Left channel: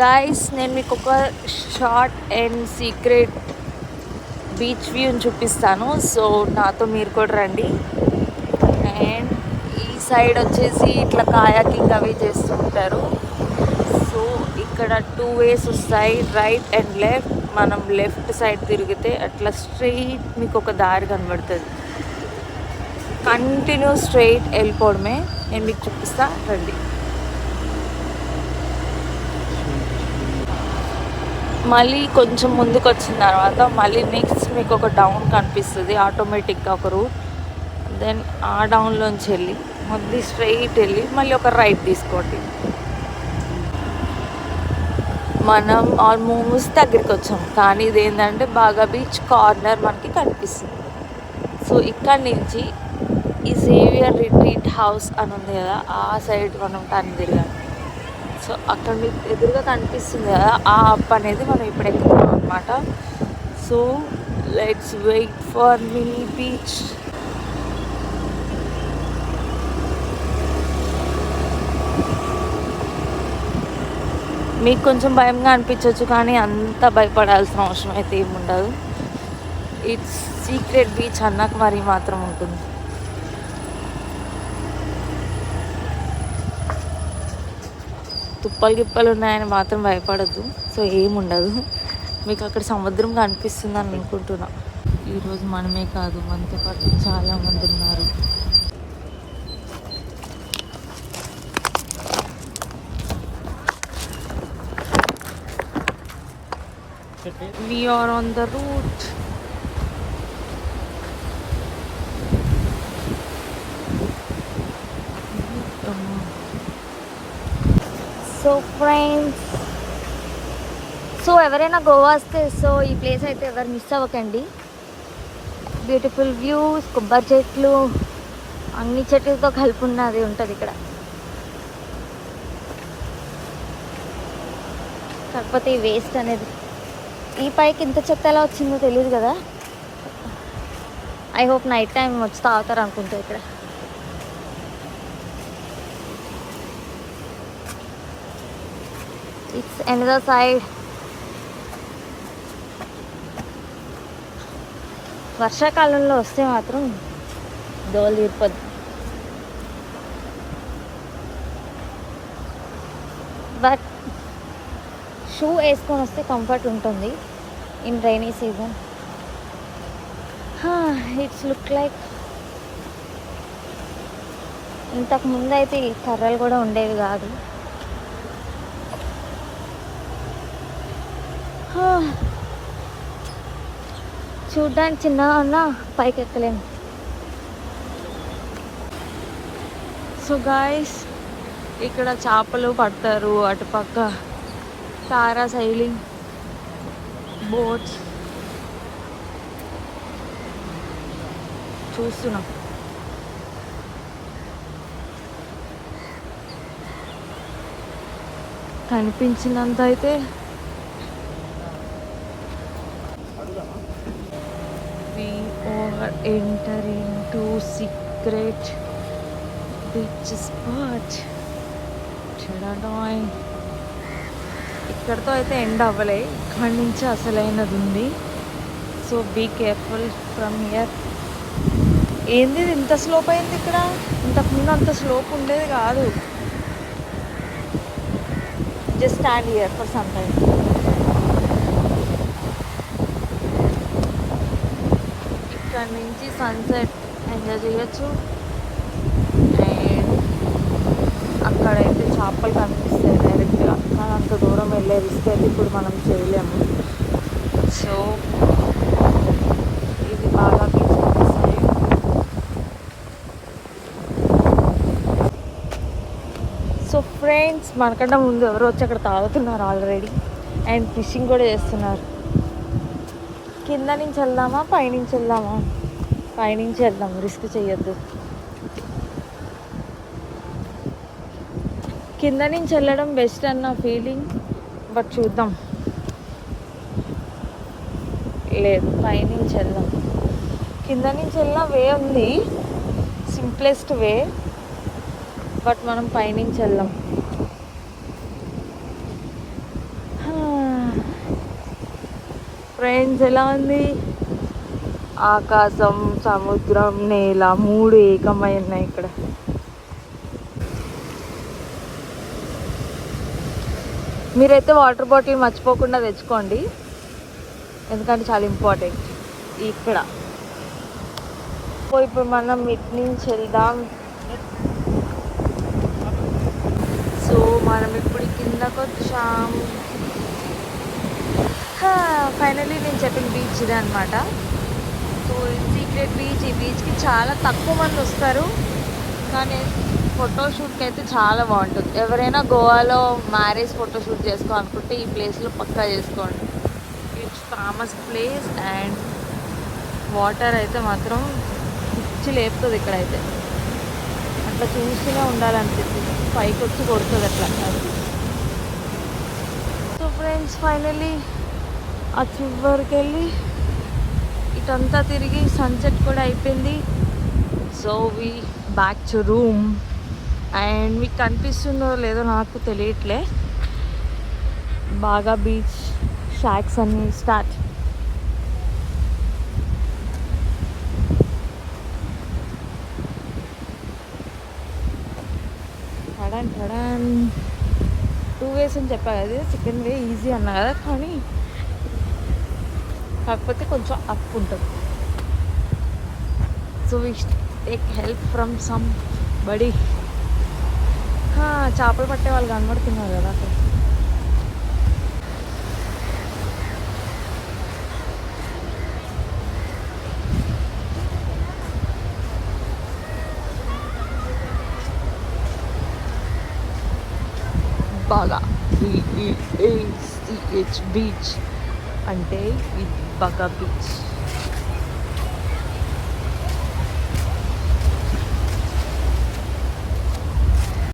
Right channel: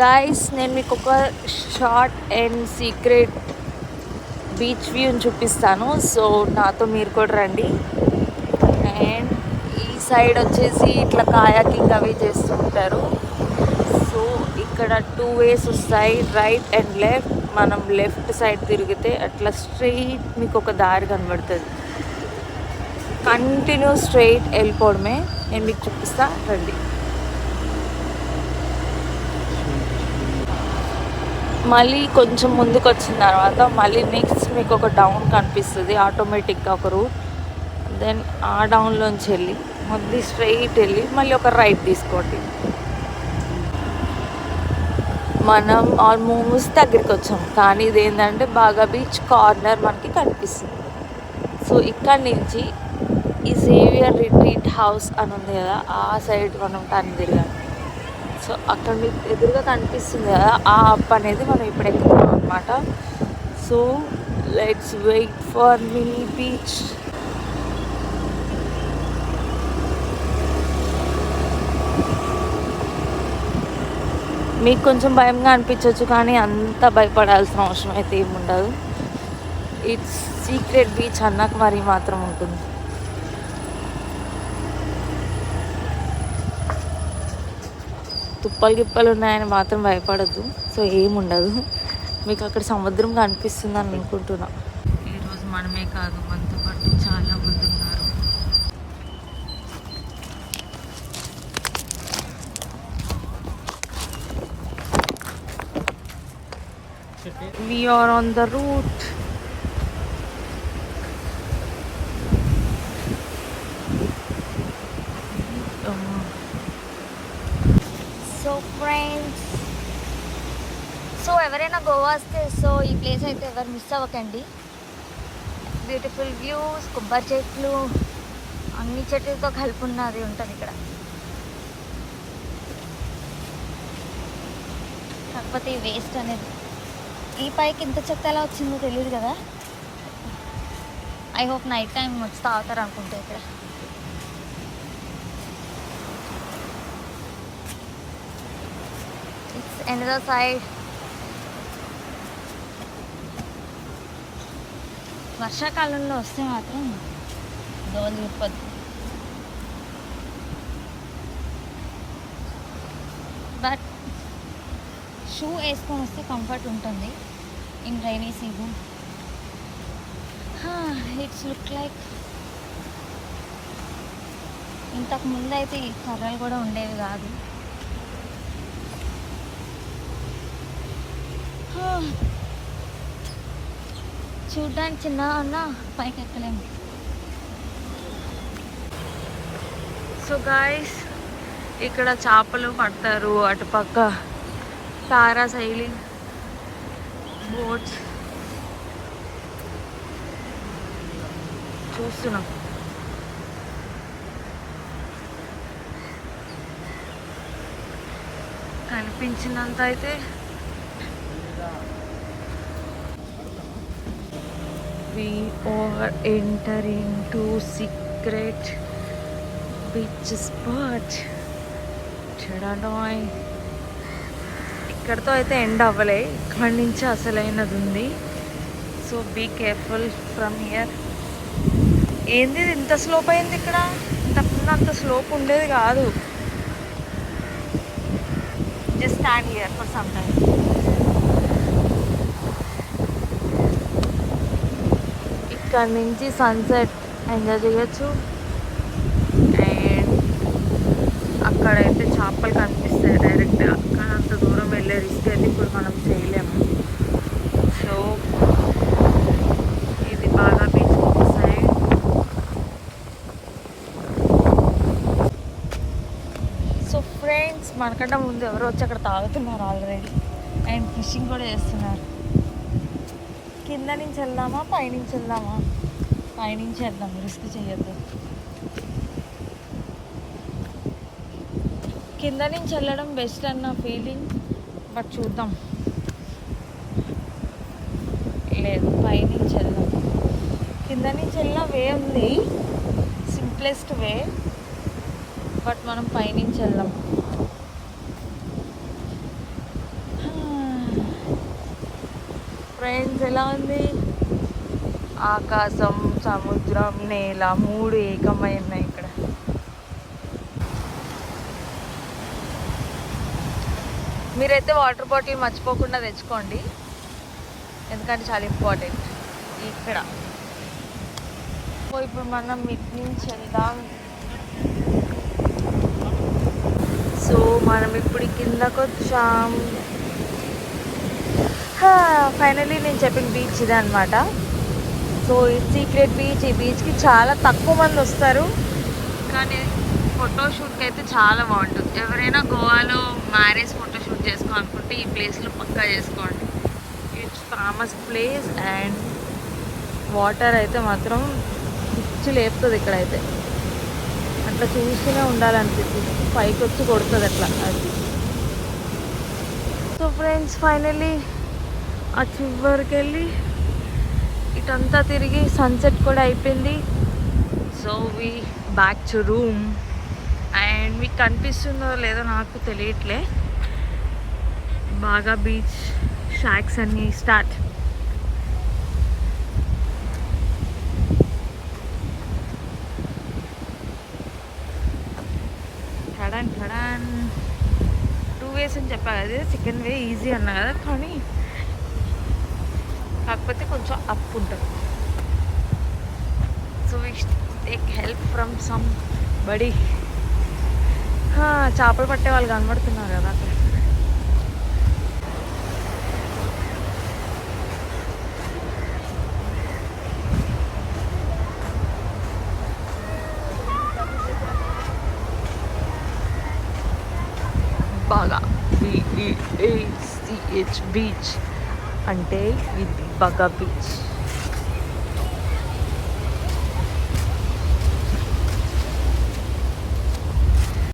Guys నేను మీకు ఒక షార్ట్ అండ్ సీక్రెట్ బీచ్ వ్యూని చూపిస్తాను. సో నాతో మీరు కూడా రండి. అండ్ ఈ సైడ్ వచ్చేసి ఇట్లా కాయాకింగ్ అవి చేస్తూ ఉంటారు. సో ఇక్కడ 2 వేస్ వస్తాయి, రైట్ అండ్ లెఫ్ట్. మనం లెఫ్ట్ సైడ్ తిరిగితే అట్లా స్ట్రెయిట్ మీకు ఒక దారి కనబడుతుంది. కంటిన్యూ స్ట్రెయిట్ వెళ్ళిపోవడమే. నేను మీకు చూపిస్తా రండి. మళ్ళీ కొంచెం ముందుకు వచ్చిన తర్వాత మళ్ళీ నెక్స్ట్ మీకు ఒక డౌన్ కనిపిస్తుంది, ఆటోమేటిక్గా ఒక రూట్. దెన్ ఆ డౌన్లోంచి వెళ్ళి మళ్ళీ స్ట్రెయిట్ వెళ్ళి మళ్ళీ ఒక రైట్ తీసుకోండి. మనం ఆల్మోస్ట్ దగ్గరికి వచ్చాం, కానీ ఇది ఏంటంటే బాగా బీచ్ కార్నర్ మనకి కనిపిస్తుంది. సో ఇక్కడ నుంచి ఈ సేవియర్ రిట్రీట్ హౌస్ అని ఉంది కదా, ఆ సైడ్ మనం టర్న్ తిరగాలి. సో అక్కడ మీకు ఎదురుగా కనిపిస్తుంది కదా, ఆ అప్ అనేది మనం ఇప్పుడు ఎక్కుతున్నాం అనమాట. So let's wait for mini beach. మీకు కొంచెం భయంగా అనిపించవచ్చు, కానీ అంత భయపడాల్సిన అవసరం అయితే ఏముండదు. ఇట్స్ సీక్రెట్ బీచ్ అన్నాక మరి మాత్రం ఉంటుంది. తుప్పలు గిప్పలు ఉన్నాయని మాత్రం భయపడద్దు. సో ఏముండదు. మీకు అక్కడ సముద్రం కనిపిస్తుందని అనుకుంటున్నా. ఈరోజు మనమే కాదు, మనతో పాటు చాలామంది ఉన్నారు. We are on the route. So friends, so ఎవరైనా గోవా వస్తే సో ఈ ప్లేస్ అయితే ఎవరు మిస్ అవ్వకండి. బ్యూటిఫుల్ వ్యూస్, కొబ్బరి చెట్లు, అన్ని చెట్లతో కలిపి ఉన్నది ఉంటుంది ఇక్కడ. కాకపోతే ఈ వేస్ట్ అనేది ఈ పైకి ఇంత చెత్త ఎలా వచ్చిందో తెలియదు కదా. ఐ హోప్ నైట్ టైం వచ్చి తాగుతారు అనుకుంటా ఇక్కడ. It's another side. వర్షాకాలంలో వస్తే మాత్రం దోలు తీరిపోద్ది. బట్ షూ వేసుకొని వస్తే కంఫర్ట్ ఉంటుంది in rainy season. It's look like ఇంతకు ముందు అయితే ఈ కర్రలు కూడా ఉండేవి కాదు. చూడ్డానికి చిన్నగా ఉన్నా పైకి ఎక్కలేము. సో గాయస్, ఇక్కడ చేపలు పడతారు. అటుపక్క తారా సైలింగ్ బోట్స్ చూస్తున్నాం. కనిపించినంత అయితే we are entering to secret beach spot. చడాడాయ్. ఇక్కడతో అయితే ఎండ్ అవ్వలే, ఇక్కడి నుంచి అసలైనది ఉంది. So be careful from here. ఏంది ఇంత స్లోప్ అయింది ఇక్కడ? ఇంతకుముందు అంత స్లోప్ ఉండేది కాదు. Just stand here for some time. ఇక్కడ నుంచి సన్సెట్ ఎంజాయ్ చేయొచ్చు. అండ్ అక్కడైతే చేపలు కనిపిస్తాయి డైరెక్ట్గా, కానీ అంత దూరం వెళ్ళే రిస్క్ అయితే ఇప్పుడు మనం చేయలేము. సో ఇది బాగా బీచ్ సైడ్. సో ఫ్రెండ్స్, మనకన్నా ముందు ఎవరో వచ్చి అక్కడ తాగుతున్నారు ఆల్రెడీ. అండ్ ఫిషింగ్ కూడా చేస్తున్నారు. కింద నుంచి వెళ్దామా పైనుంచి వెళ్దామా? పైనుంచి వెళ్దాం, రిస్క్ చేయొద్దు. కింద నుంచి వెళ్ళడం బెస్ట్ అన్న ఫీలింగ్, బట్ చూద్దాం. లేదు, పైనుంచి వెళ్దాం. కింద నుంచి వెళ్ళిన వే ఉంది, సింప్లెస్ట్ వే, బట్ మనం పైనుంచి వెళ్దాం. ఫ్రెండ్స్ ఎలా ఉంది? ఆకాశం, సముద్రం, నేల మూడు ఏకమై ఉన్నాయి ఇక్కడ. మీరైతే వాటర్ బాటిల్ మర్చిపోకుండా తెచ్చుకోండి, ఎందుకంటే చాలా ఇంపార్టెంట్ ఇక్కడ. ఇప్పుడు మనం ఇటు నుంచి వెళ్దాం. సో మనం ఇప్పుడు కిందకు వచ్చాం. ఫైనలీ నేను చెప్పిన బీచ్ ఇదే అనమాట. సో ఈ సీక్రెట్ బీచ్. ఈ బీచ్కి చాలా తక్కువ మంది వస్తారు, కానీ ఫోటోషూట్కి అయితే చాలా బాగుంటుంది. ఎవరైనా గోవాలో మ్యారేజ్ ఫోటోషూట్ చేసుకోవాలనుకుంటే ఈ ప్లేస్లో పక్కా చేసుకోండి. It's famous place. And water అయితే మాత్రం పిచ్చి లేపుతుంది ఇక్కడైతే. అట్లా చూస్తూనే ఉండాలనిపిస్తుంది, పైకి వచ్చి కొడుతుంది అట్లా అది. సో ఫ్రెండ్స్ ఫైనలీ ఆ చివరికి వెళ్ళి ఇటంతా తిరిగి సన్సెట్ కూడా అయిపోయింది. So we back to room. And మీకు కనిపిస్తుందో లేదో నాకు తెలియట్లే, బాగా బీచ్ షాక్స్ అన్నీ స్టార్ట్. టడన్ టడన్ 2 ways అని చెప్పా కదా, సెకండ్ వే ఈజీ అన్నా కదా, కానీ కాకపోతే కొంచెం అప్ ఉంటుంది. So we take help from somebody. చేపలు పట్టే వాళ్ళు కనబడుతున్నారు కదా అక్కడ. బాగా బీచ్ అంటే ఇది బాగా బీచ్.